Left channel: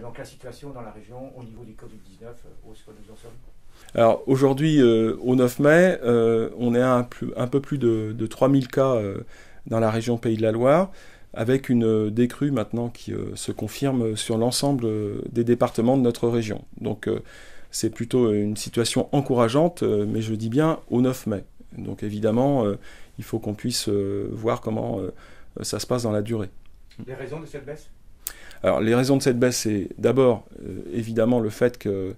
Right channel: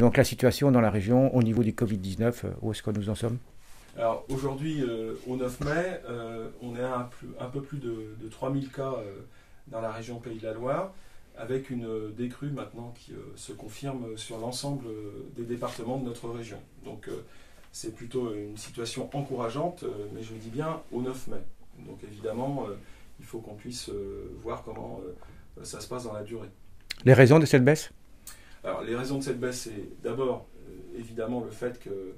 Donc la situation dans la région au niveau du Covid-19, où est-ce que nous en sommes? Alors aujourd'hui, au 9 mai, on est à un peu plus de 3000 cas dans la région Pays de la Loire, avec une décrue maintenant qui se confirme sur l'ensemble des départements de notre région. Donc c'est plutôt une situation encourageante, mais je dis bien au 9 mai. Donc évidemment, il faut qu'on puisse voir comment ça se passe dans la durée. Les raisons de cette baisse? Alors les raisons de cette baisse, c'est d'abord évidemment le fait que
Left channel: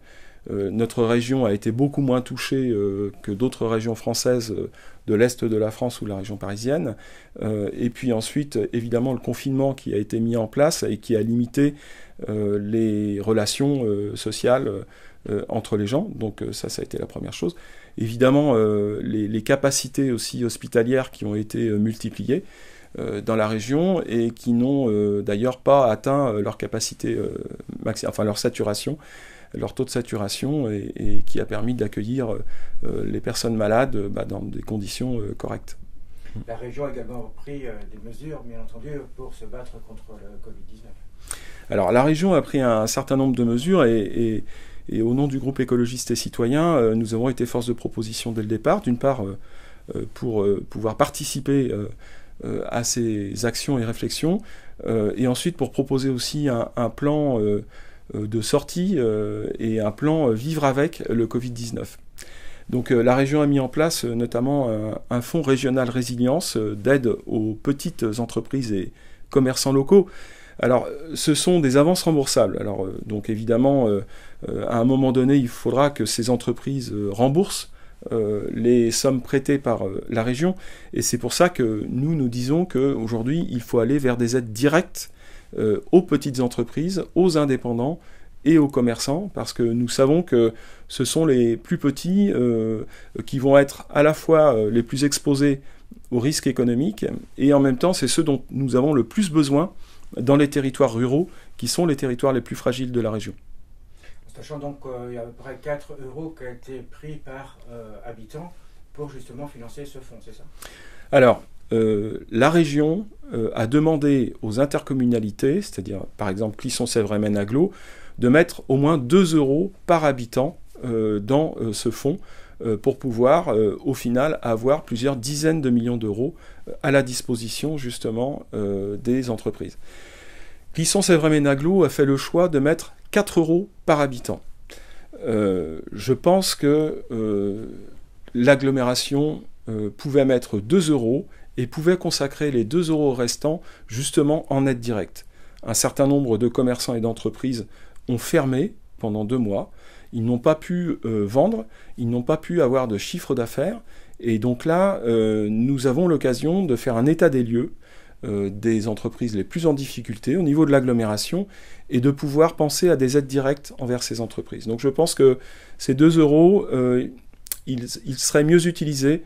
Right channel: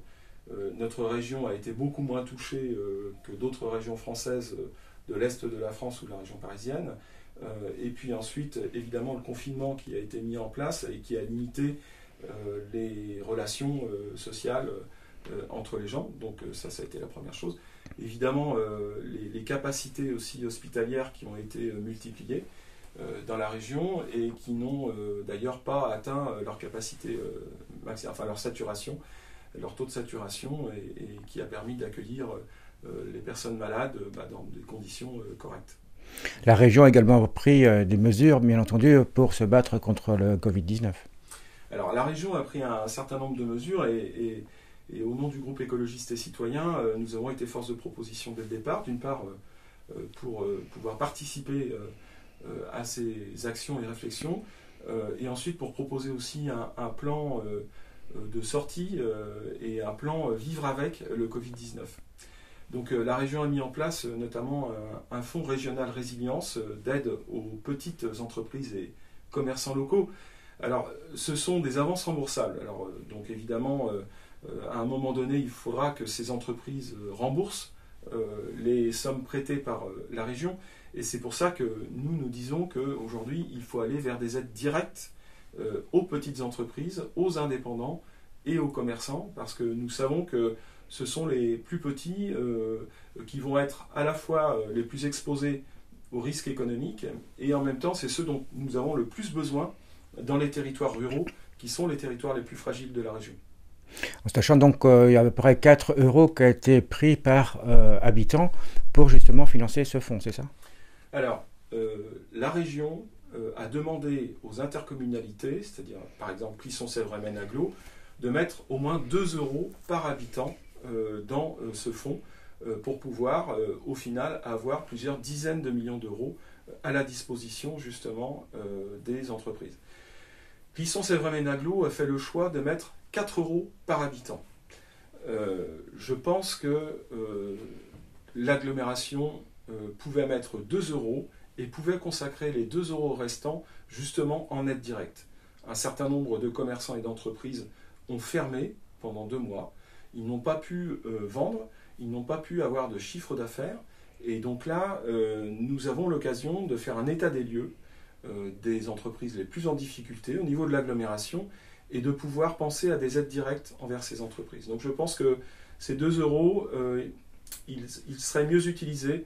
notre région a été beaucoup moins touchée que d'autres régions françaises de l'Est de la France ou de la région parisienne. Et puis ensuite, évidemment, le confinement qui a été mis en place et qui a limité les relations sociales entre les gens. Donc ça a été la première chose. Évidemment, les capacités aussi hospitalières qui ont été multipliées dans la région et qui n'ont d'ailleurs pas atteint leur capacité, enfin leur saturation, leur taux de saturation et qui a permis d'accueillir les personnes malades dans des conditions correctes. La région a également pris des mesures, bien entendu, pour se battre contre le Covid-19. Alors la région a pris un certain nombre de mesures et au nom du groupe écologiste et citoyen, nous avons été force de proposition dès le départ, d'une part pour pouvoir participer à ces actions et réflexions, et ensuite pour proposer aussi un plan de sortie et un plan vivre avec le Covid-19. Donc la région a mis en place notamment un fonds régional résilience d'aide aux petites entreprises et commerçants locaux. Alors ce sont des avances remboursables. Alors donc évidemment à un moment donné il faudra que ces entreprises remboursent les sommes prêtées par la région et c'est pour ça que nous disons qu'aujourd'hui il faut aller vers des aides directes aux petites entreprises, aux indépendants et aux commerçants, parce que nous savons que ce sont les plus petits qui vont être à la fois les plus exposés aux risques économiques, et en même temps, c'est ceux dont nous avons le plus besoin dans les territoires ruraux, qui sont les territoires les plus fragiles de la région. Sachant donc qu'il y a à peu près 4 euros qui a été pris par habitant pour justement financer ce fonds, c'est ça? Alors, la région a demandé aux intercommunalités, c'est-à-dire par exemple Clisson, Sèvres et Maine Agglo, de mettre au moins 2 euros par habitant dans ce fonds pour pouvoir au final avoir plusieurs dizaines de millions d'euros à la disposition justement des entreprises. Clisson, Sèvres et Maine Agglo a fait le choix de mettre 4 euros par habitant. Je pense que l'agglomération pouvait mettre 2 euros et pouvait consacrer les 2 euros restants justement en aide directe. Un certain nombre de commerçants et d'entreprises ont fermé pendant 2 mois. Ils n'ont pas pu vendre, ils n'ont pas pu avoir de chiffre d'affaires. Et donc là, nous avons l'occasion de faire un état des lieux des entreprises les plus en difficulté au niveau de l'agglomération et de pouvoir penser à des aides directes envers ces entreprises. Donc je pense que ces 2 euros, ils seraient mieux utilisés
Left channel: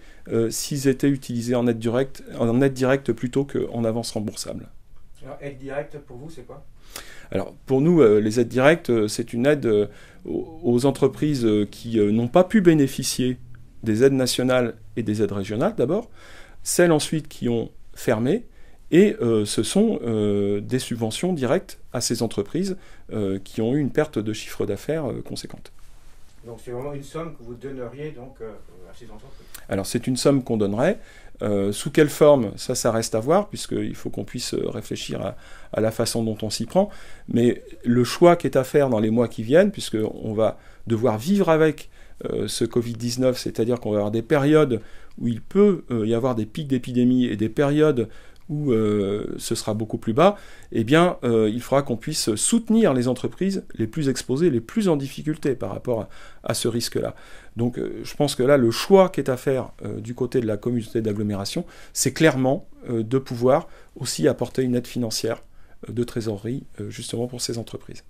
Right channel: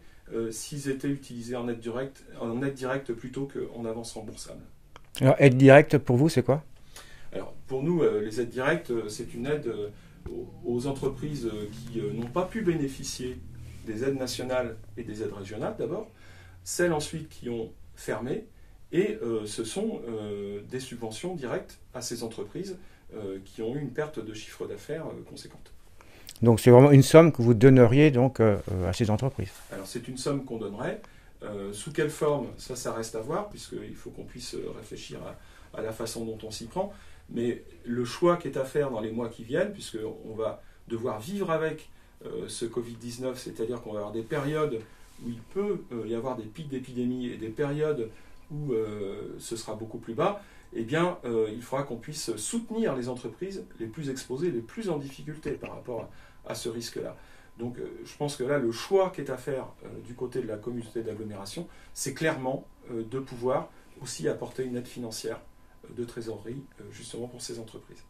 s'ils étaient utilisés en aide directe plutôt qu'en avance remboursable. Alors aide directe pour vous, c'est quoi? Alors pour nous, les aides directes, c'est une aide aux entreprises qui n'ont pas pu bénéficier des aides nationales et des aides régionales d'abord, celles ensuite qui ont fermé, et ce sont des subventions directes à ces entreprises qui ont eu une perte de chiffre d'affaires conséquente. Donc c'est vraiment une somme que vous donneriez donc à ces entreprises? Alors c'est une somme qu'on donnerait. Sous quelle forme, ça reste à voir, puisqu'il faut qu'on puisse réfléchir à la façon dont on s'y prend. Mais le choix qui est à faire dans les mois qui viennent, puisqu'on va devoir vivre avec ce Covid-19, c'est-à-dire qu'on va avoir des périodes où il peut y avoir des pics d'épidémie et des périodes où ce sera beaucoup plus bas, eh bien, il faudra qu'on puisse soutenir les entreprises les plus exposées, les plus en difficulté par rapport à ce risque-là. Donc je pense que là, le choix qui est à faire du côté de la communauté d'agglomération, c'est clairement de pouvoir aussi apporter une aide financière de trésorerie justement pour ces entreprises.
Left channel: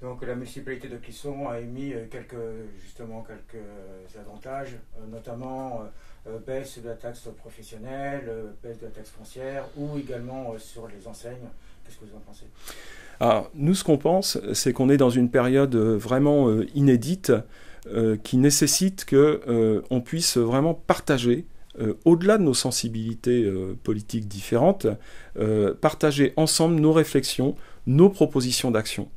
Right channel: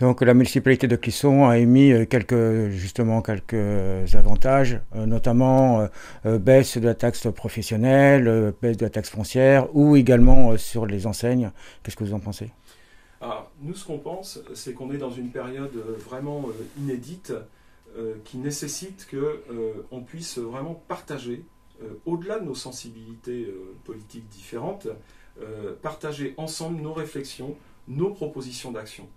Donc la municipalité de Clisson a émis quelques avantages, notamment baisse de la taxe professionnelle, baisse de la taxe foncière, ou également sur les enseignes. Qu'est-ce que vous en pensez? Alors, nous, ce qu'on pense, c'est qu'on est dans une période vraiment inédite qui nécessite qu'on puisse vraiment partager, au-delà de nos sensibilités politiques différentes, partager ensemble nos réflexions, nos propositions d'action.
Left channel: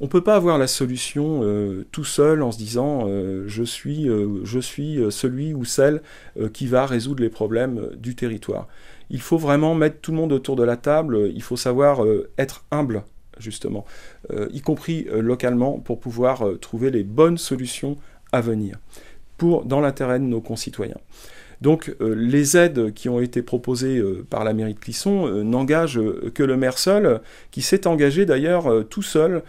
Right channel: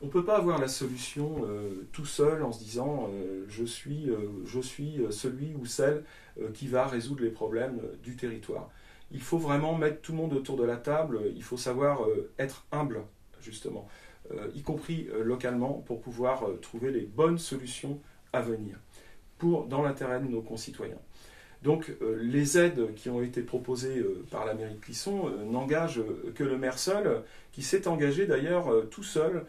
on ne peut pas avoir la solution tout seul en se disant je suis celui ou celle qui va résoudre les problèmes du territoire. Il faut vraiment mettre tout le monde autour de la table, il faut savoir être humble, justement, y compris localement, pour pouvoir trouver les bonnes solutions à venir, dans l'intérêt de nos concitoyens. Donc les aides qui ont été proposées par la mairie de Clisson n'engagent que le maire seul, qui s'est engagé d'ailleurs tout seul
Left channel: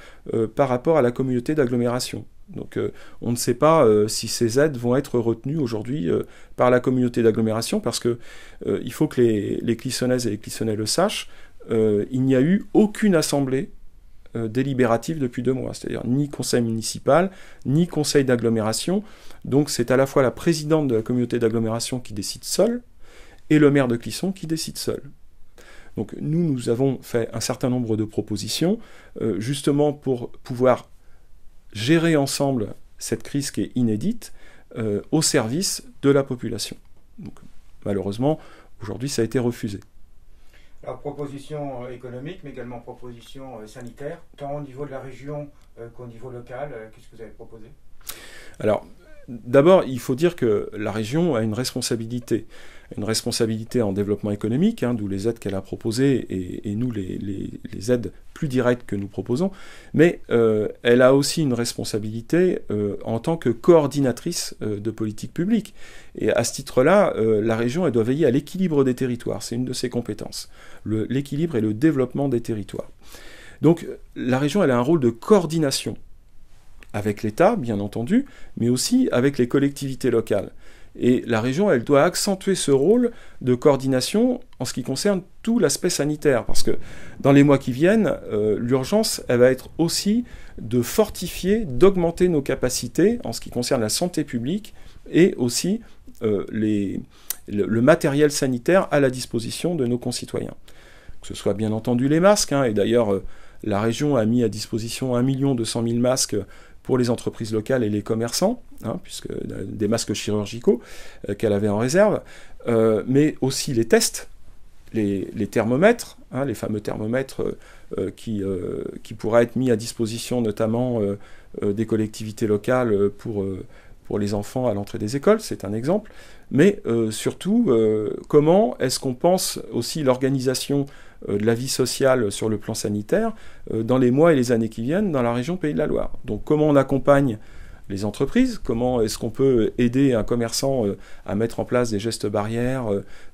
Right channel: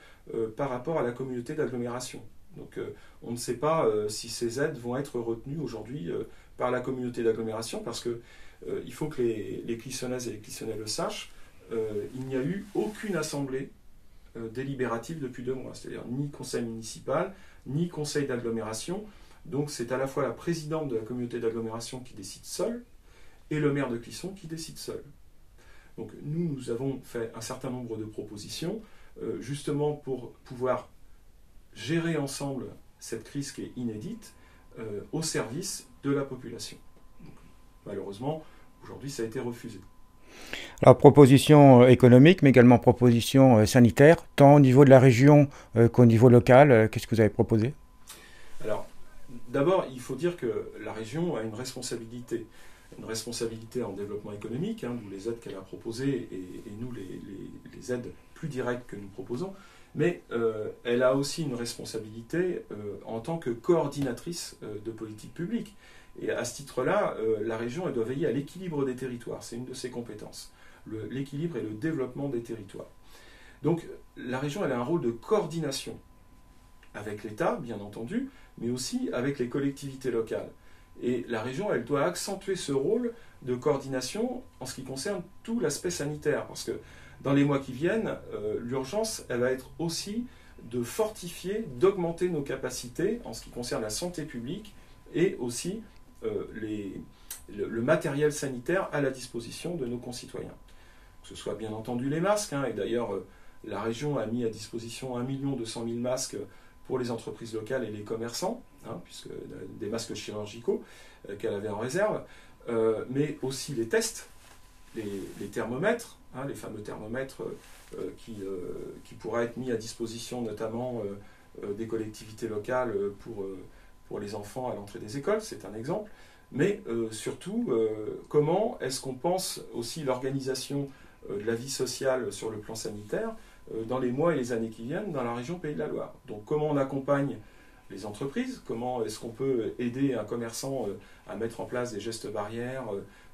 par rapport à la communauté d'agglomération. Donc on ne sait pas si ces aides vont être retenues aujourd'hui par la communauté d'agglomération, parce que il faut que les Clissonnaises et les Clissonnais le sachent, il n'y a eu aucune assemblée délibérative depuis 2 mois, c'est-à-dire ni conseil municipal, ni conseil d'agglomération. Donc c'est à la fois la présidente de la communauté d'agglomération qui décide seule, et le maire de Clisson qui décide seul. Donc nous avons fait un certain nombre de propositions, justement pour pouvoir gérer ensemble cette crise qui est inédite, au service de la population. Donc, malheureusement, aujourd'hui, ça a été refusé. Alors, proposition économique, mais également proposition sanitaire, tant au niveau de la région qu'au niveau local. Qu'est-ce que vous avez proposé? Alors, d'abord, il faut dire que la région a une responsabilité en développement économique, d'où les aides qu'elle a proposées, et nous, les aides plus directes que nous proposons, mais elle a aussi une responsabilité en tant que coordinatrice de politique publique. Et à ce titre-là, la région, elle doit veiller à l'équilibre des territoires, c'est une de ses compétences, l'équilibre et le développement des territoires. Donc la région, elle a un rôle de coordination avec l'État, bien entendu, mais aussi avec les collectivités locales. Et la région, elle doit accentuer ce rôle de coordination en ce qui concerne tout l'aspect sanitaire. Parce que dans les mois qui viennent, l'urgence, elle va être aussi de fortifier, d'augmenter nos capacités en ce qui concerne la santé publique et aussi le matériel sanitaire à la disposition de nos concitoyens. Que ce soit bien entendu les masques, et d'ailleurs la région a mis à disposition 1 200 000 masques pour les entreprises locales et les commerçants, puisque des masques chirurgicaux qu'elle avait en réserve, mais aussi les tests, les thermomètres, les fameux thermomètres qui pourraient être mis à disposition notamment des collectivités locales pour les enfants à l'entrée des écoles, c'est un exemple, mais surtout, comment est-ce qu'on pense aussi l'organisation de la vie sociale sur le plan sanitaire dans les mois et les années qui viennent dans la région Pays de la Loire. Donc comment on accompagne les entreprises, comment est-ce qu'on peut aider un commerçant à mettre en place des gestes barrières,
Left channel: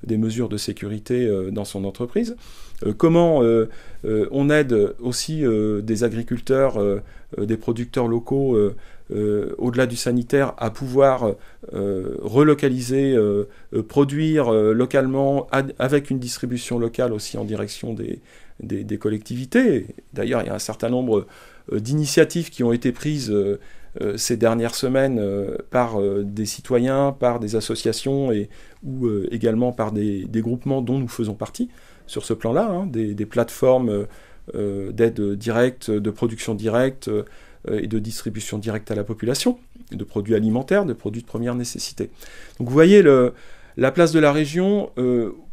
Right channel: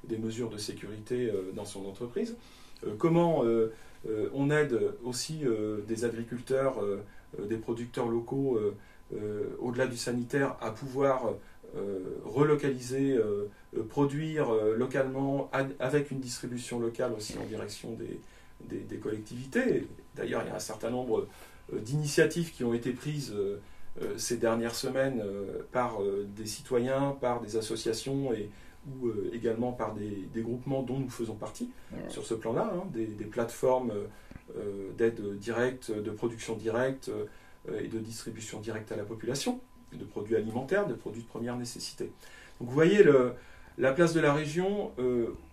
des mesures de sécurité dans son entreprise, comment on aide aussi des agriculteurs, des producteurs locaux au-delà du sanitaire à pouvoir relocaliser, produire localement avec une distribution locale aussi en direction des collectivités. D'ailleurs, il y a un certain nombre d'initiatives qui ont été prises ces dernières semaines par des citoyens, par des associations ou également par des groupements dont nous faisons partie sur ce plan-là, des plateformes d'aide directe, de production directe et de distribution directe à la population, de produits alimentaires, de produits de première nécessité. Donc vous voyez, la place de la région,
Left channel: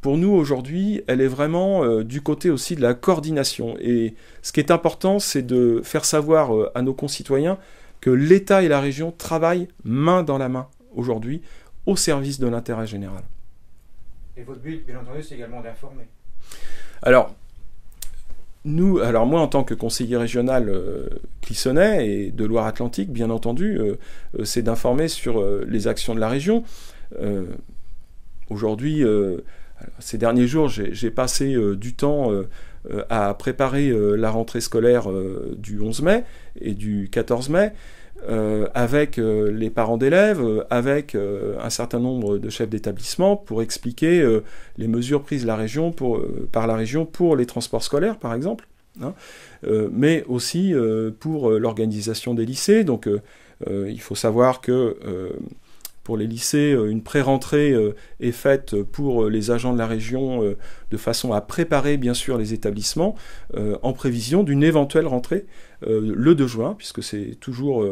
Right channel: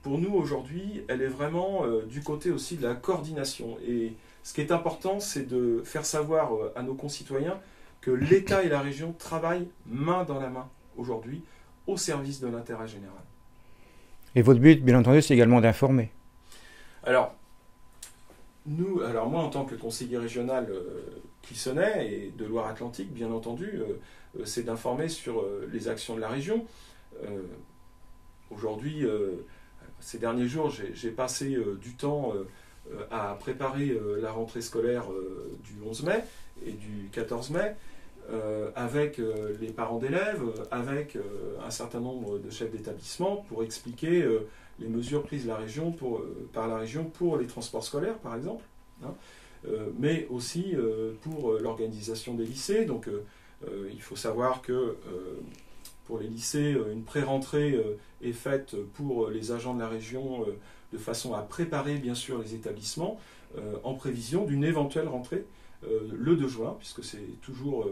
pour nous aujourd'hui, elle est vraiment du côté aussi de la coordination. Et ce qui est important, c'est de faire savoir à nos concitoyens que l'État et la région travaillent main dans la main aujourd'hui au service de l'intérêt général. Et votre but, bien entendu, c'est également d'informer. Alors moi, en tant que conseiller régional clissonnais et de Loire-Atlantique, bien entendu, c'est d'informer sur les actions de la région. Aujourd'hui, ces derniers jours, j'ai passé du temps à préparer la rentrée scolaire du 11 mai et du 14 mai, avec les parents d'élèves, avec un certain nombre de chefs d'établissement pour expliquer les mesures prises par la région pour les transports scolaires, par exemple, mais aussi pour l'organisation des lycées. Donc il faut savoir que pour les lycées, une pré-rentrée est faite pour les agents de la région de façon à préparer bien sûr les établissements en prévision d'une éventuelle rentrée le 2 juin, puisque c'est toujours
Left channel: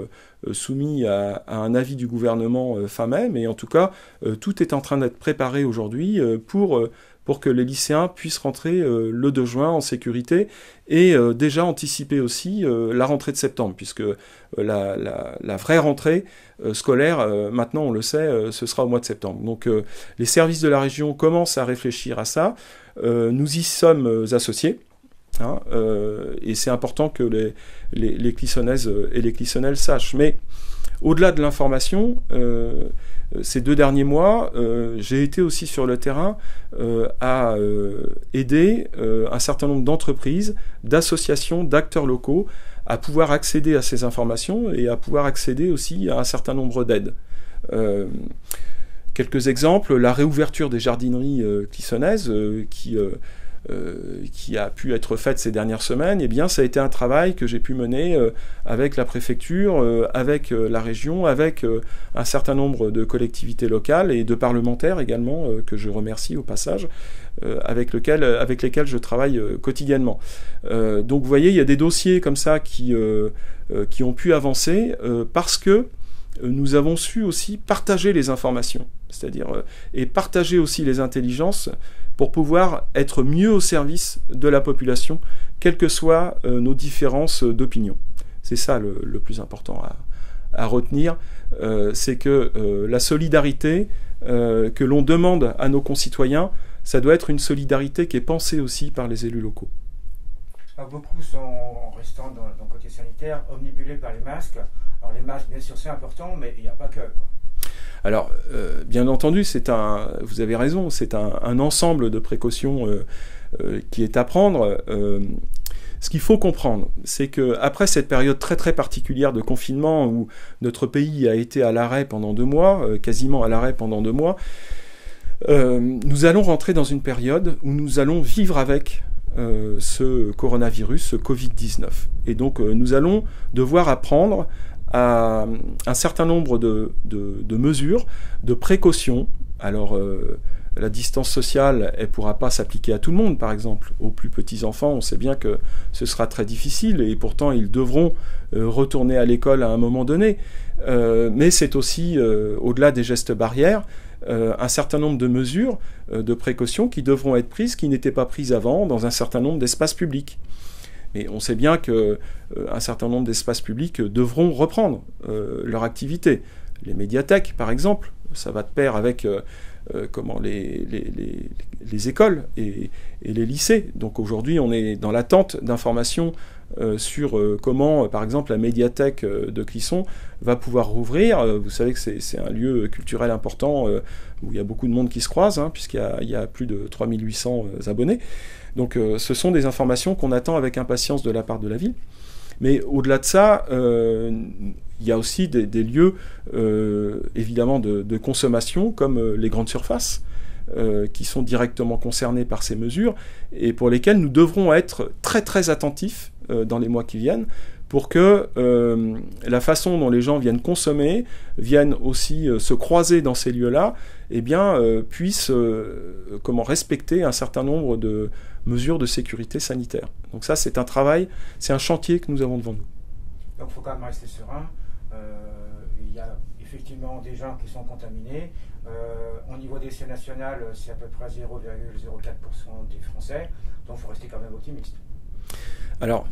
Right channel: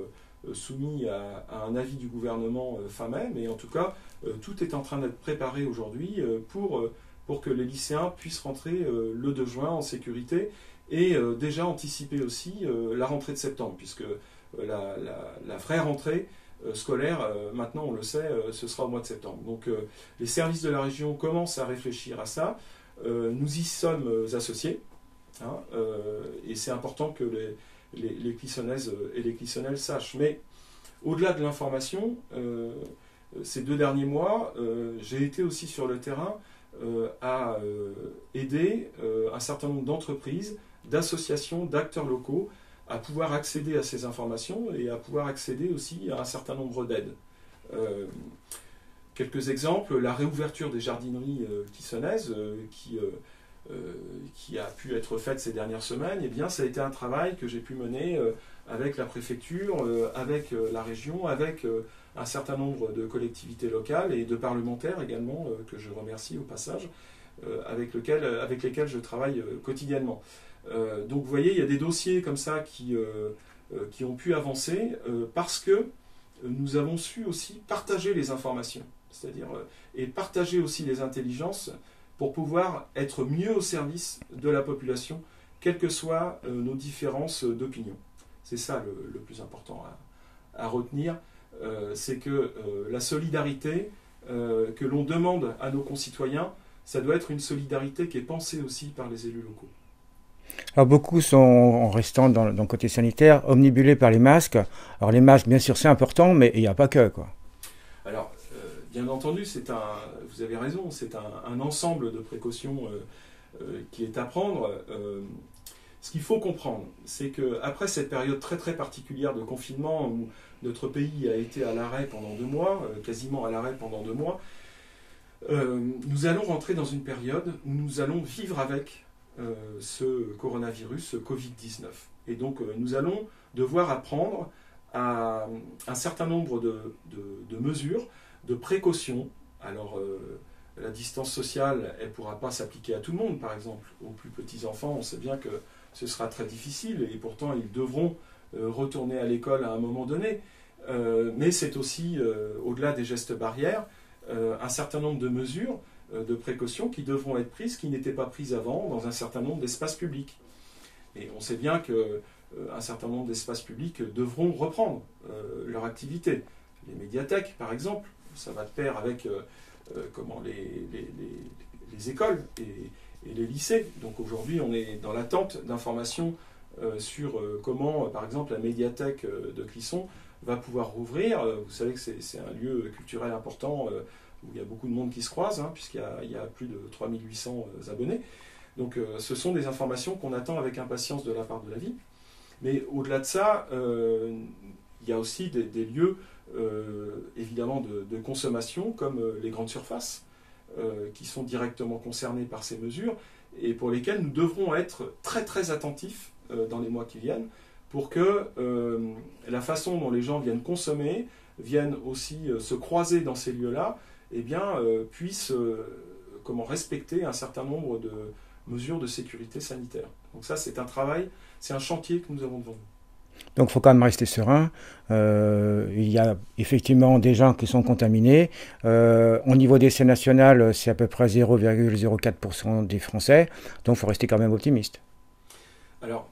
soumis à un avis du gouvernement fin mai, mais en tout cas, tout est en train d'être préparé aujourd'hui pour pour que les lycéens puissent rentrer le 2 juin en sécurité et déjà anticiper aussi la rentrée de septembre, puisque la vraie rentrée scolaire, maintenant on le sait, ce sera au mois de septembre. Donc les services de la région commencent à réfléchir à ça. Nous y sommes associés, hein, et c'est important que les Clissonnaises et les Clissonnais le sachent. Mais au-delà de l'information, ces 2 derniers mois, j'ai été aussi sur le terrain à aider un certain nombre d'entreprises, d'associations, d'acteurs locaux à pouvoir accéder à ces informations et à pouvoir accéder aussi à un certain nombre d'aides. Quelques exemples, la réouverture des jardineries clissonnaises qui a pu être faite ces dernières semaines, eh bien, ça a été un travail que j'ai pu mener avec la préfecture, avec la région, avec un certain nombre de collectivités locales et de parlementaires également, que je remercie au passage, avec lesquels je travaille quotidiennement. Donc vous voyez, il y a des dossiers comme ça qui ont pu avancer parce que nous avons su aussi partager les informations, c'est-à-dire et partager aussi les intelligences pour pouvoir être mieux au service de la population, quelles que soient nos différences d'opinion. C'est ça le plus important à retenir, c'est que la solidarité que l'on demande à nos concitoyens, ça doit être une solidarité qui est pensée aussi par les élus locaux. Alors beaucoup sont, en restant dans le côté sanitaire, omnibulés par les masques. Alors les masques, bien sûr, c'est important, mais il n'y a pas que, quoi. Alors, bien entendu, vous avez raison, c'est un ensemble de précautions qui est à prendre. Ce qu'il faut comprendre, c'est qu'après cette période très très particulière de confinement où notre pays a été à l'arrêt pendant 2 mois, quasiment à l'arrêt pendant 2 mois, nous allons rentrer dans une période où nous allons vivre avec ce coronavirus, ce Covid-19. Et donc nous allons devoir apprendre à un certain nombre de mesures, de précautions. Alors la distance sociale, elle ne pourra pas s'appliquer à tout le monde, par exemple. Aux plus petits enfants, on sait bien que ce sera très difficile et pourtant ils devront retourner à l'école à un moment donné. Mais c'est aussi, au-delà des gestes barrières, un certain nombre de mesures, de précautions qui devront être prises, qui n'étaient pas prises avant dans un certain nombre d'espaces publics. Et on sait bien qu'un certain nombre d'espaces publics devront reprendre leur activité. Les médiathèques, par exemple, ça va de pair avec les écoles et les lycées. Donc aujourd'hui, on est dans l'attente d'informations sur comment, par exemple, la médiathèque de Clisson va pouvoir rouvrir. Vous savez que c'est un lieu culturel important où il y a beaucoup de monde qui se croise, hein, puisqu'il y a plus de 3800 abonnés. Donc ce sont des informations qu'on attend avec impatience de la part de la ville. Mais au-delà de ça, il y a aussi des lieux, évidemment, de consommation, comme les grandes surfaces, qui sont directement concernés par ces mesures, et pour lesquelles nous devrons être très très attentifs dans les mois qui viennent, pour que la façon dont les gens viennent consommer, viennent aussi se croiser dans ces lieux-là, eh bien, puissent respecter un certain nombre de mesures de sécurité sanitaire. Donc ça, c'est un travail, c'est un chantier que nous avons devant nous. Donc il faut quand même rester serein. Il y a effectivement des gens qui sont contaminés. Au niveau des essais nationaux, c'est à peu près 0,04% des Français. Donc il faut rester quand même optimiste. Alors,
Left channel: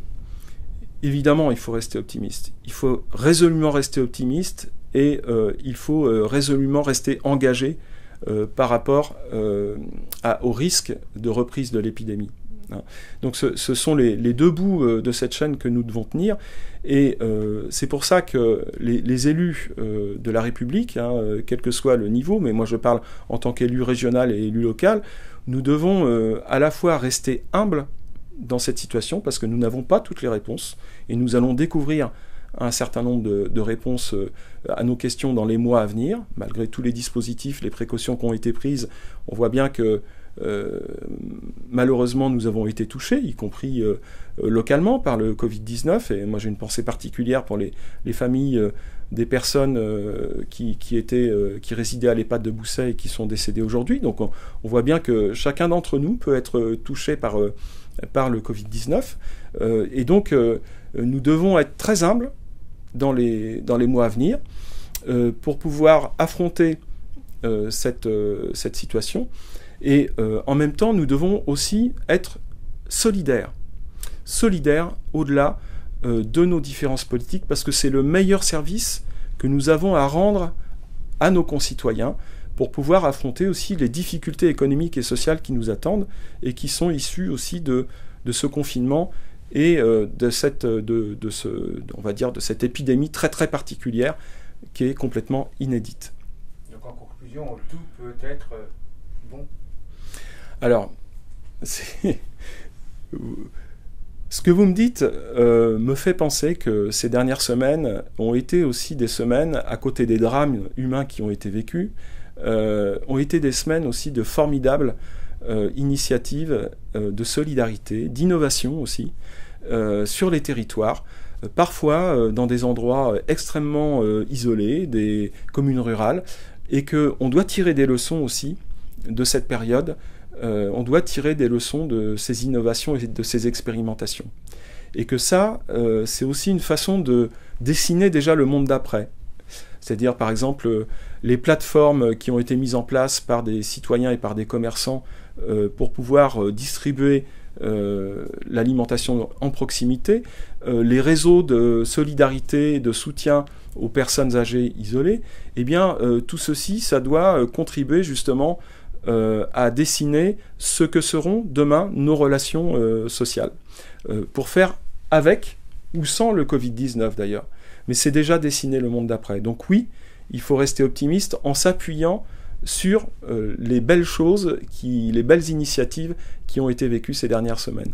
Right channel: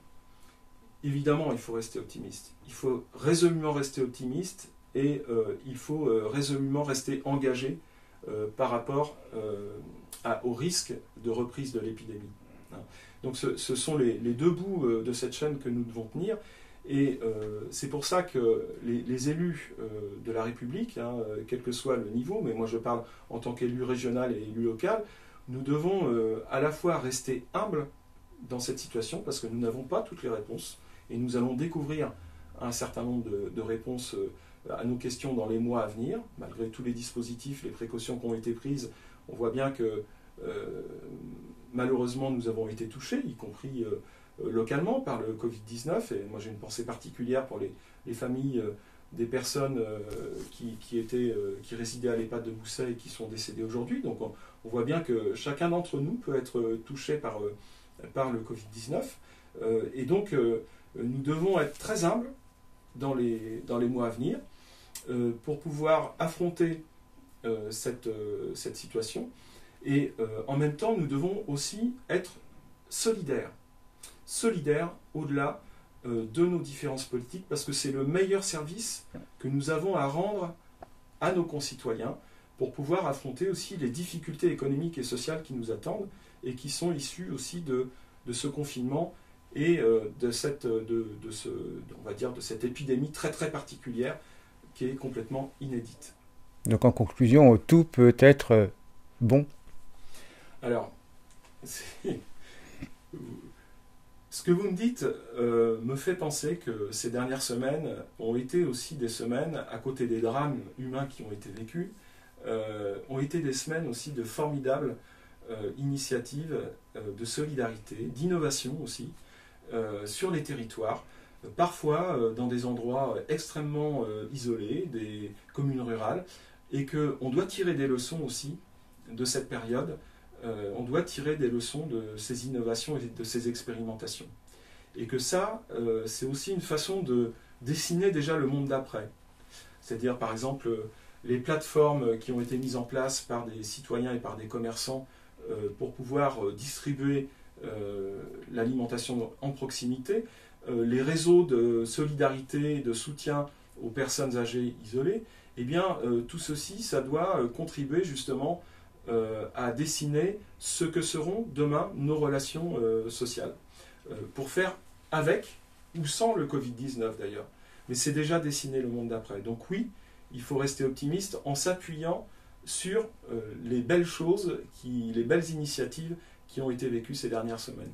évidemment, il faut rester optimiste. Il faut résolument rester optimiste et il faut résolument rester engagé par rapport au risque de reprise de l'épidémie. Donc ce sont les 2 bouts de cette chaîne que nous devons tenir. Et c'est pour ça que les élus de la République, hein, quel que soit le niveau, mais moi je parle en tant qu'élu régional et élu local, nous devons à la fois rester humbles dans cette situation parce que nous n'avons pas toutes les réponses et nous allons découvrir un certain nombre de réponses à nos questions dans les mois à venir. Malgré tous les dispositifs, les précautions qui ont été prises, on voit bien que malheureusement nous avons été touchés, y compris localement par le Covid-19, et moi j'ai une pensée particulière pour les familles des personnes qui résidaient à l'EHPAD de Bousset et qui sont décédées aujourd'hui. Donc on voit bien que chacun d'entre nous peut être touché par le Covid-19, et donc nous devons être très humbles dans les mois à venir pour pouvoir affronter cette situation Et en même temps, nous devons aussi être solidaires au-delà de nos différences politiques, parce que c'est le meilleur service que nous avons à rendre à nos concitoyens pour pouvoir affronter aussi les difficultés économiques et sociales qui nous attendent et qui sont issues aussi de ce confinement et de cette épidémie très très particulière qui est complètement inédite. Donc en conclusion, tout peut être bon. Alors, ce que vous me dites me fait penser que ces dernières semaines ont été aussi des semaines, à côté des drames humains qui ont été vécus, ont été des semaines aussi de formidables initiatives de solidarité, d'innovation aussi, sur les territoires, parfois dans des endroits extrêmement isolés, des communes rurales, et qu'on doit tirer des leçons aussi de cette période. On doit tirer des leçons de ces innovations et de ces expérimentations. Et que ça, c'est aussi une façon de dessiner déjà le monde d'après. C'est-à-dire, par exemple, les plateformes qui ont été mises en place par des citoyens et par des commerçants pour pouvoir distribuer l'alimentation en proximité, les réseaux de solidarité, de soutien aux personnes âgées isolées, eh bien, tout ceci, ça doit contribuer justement à dessiner ce que seront demain nos relations sociales, pour faire avec ou sans le Covid-19 d'ailleurs. Mais c'est déjà dessiner le monde d'après. Donc oui, il faut rester optimiste en s'appuyant sur les belles choses, les belles initiatives qui ont été vécues ces dernières semaines.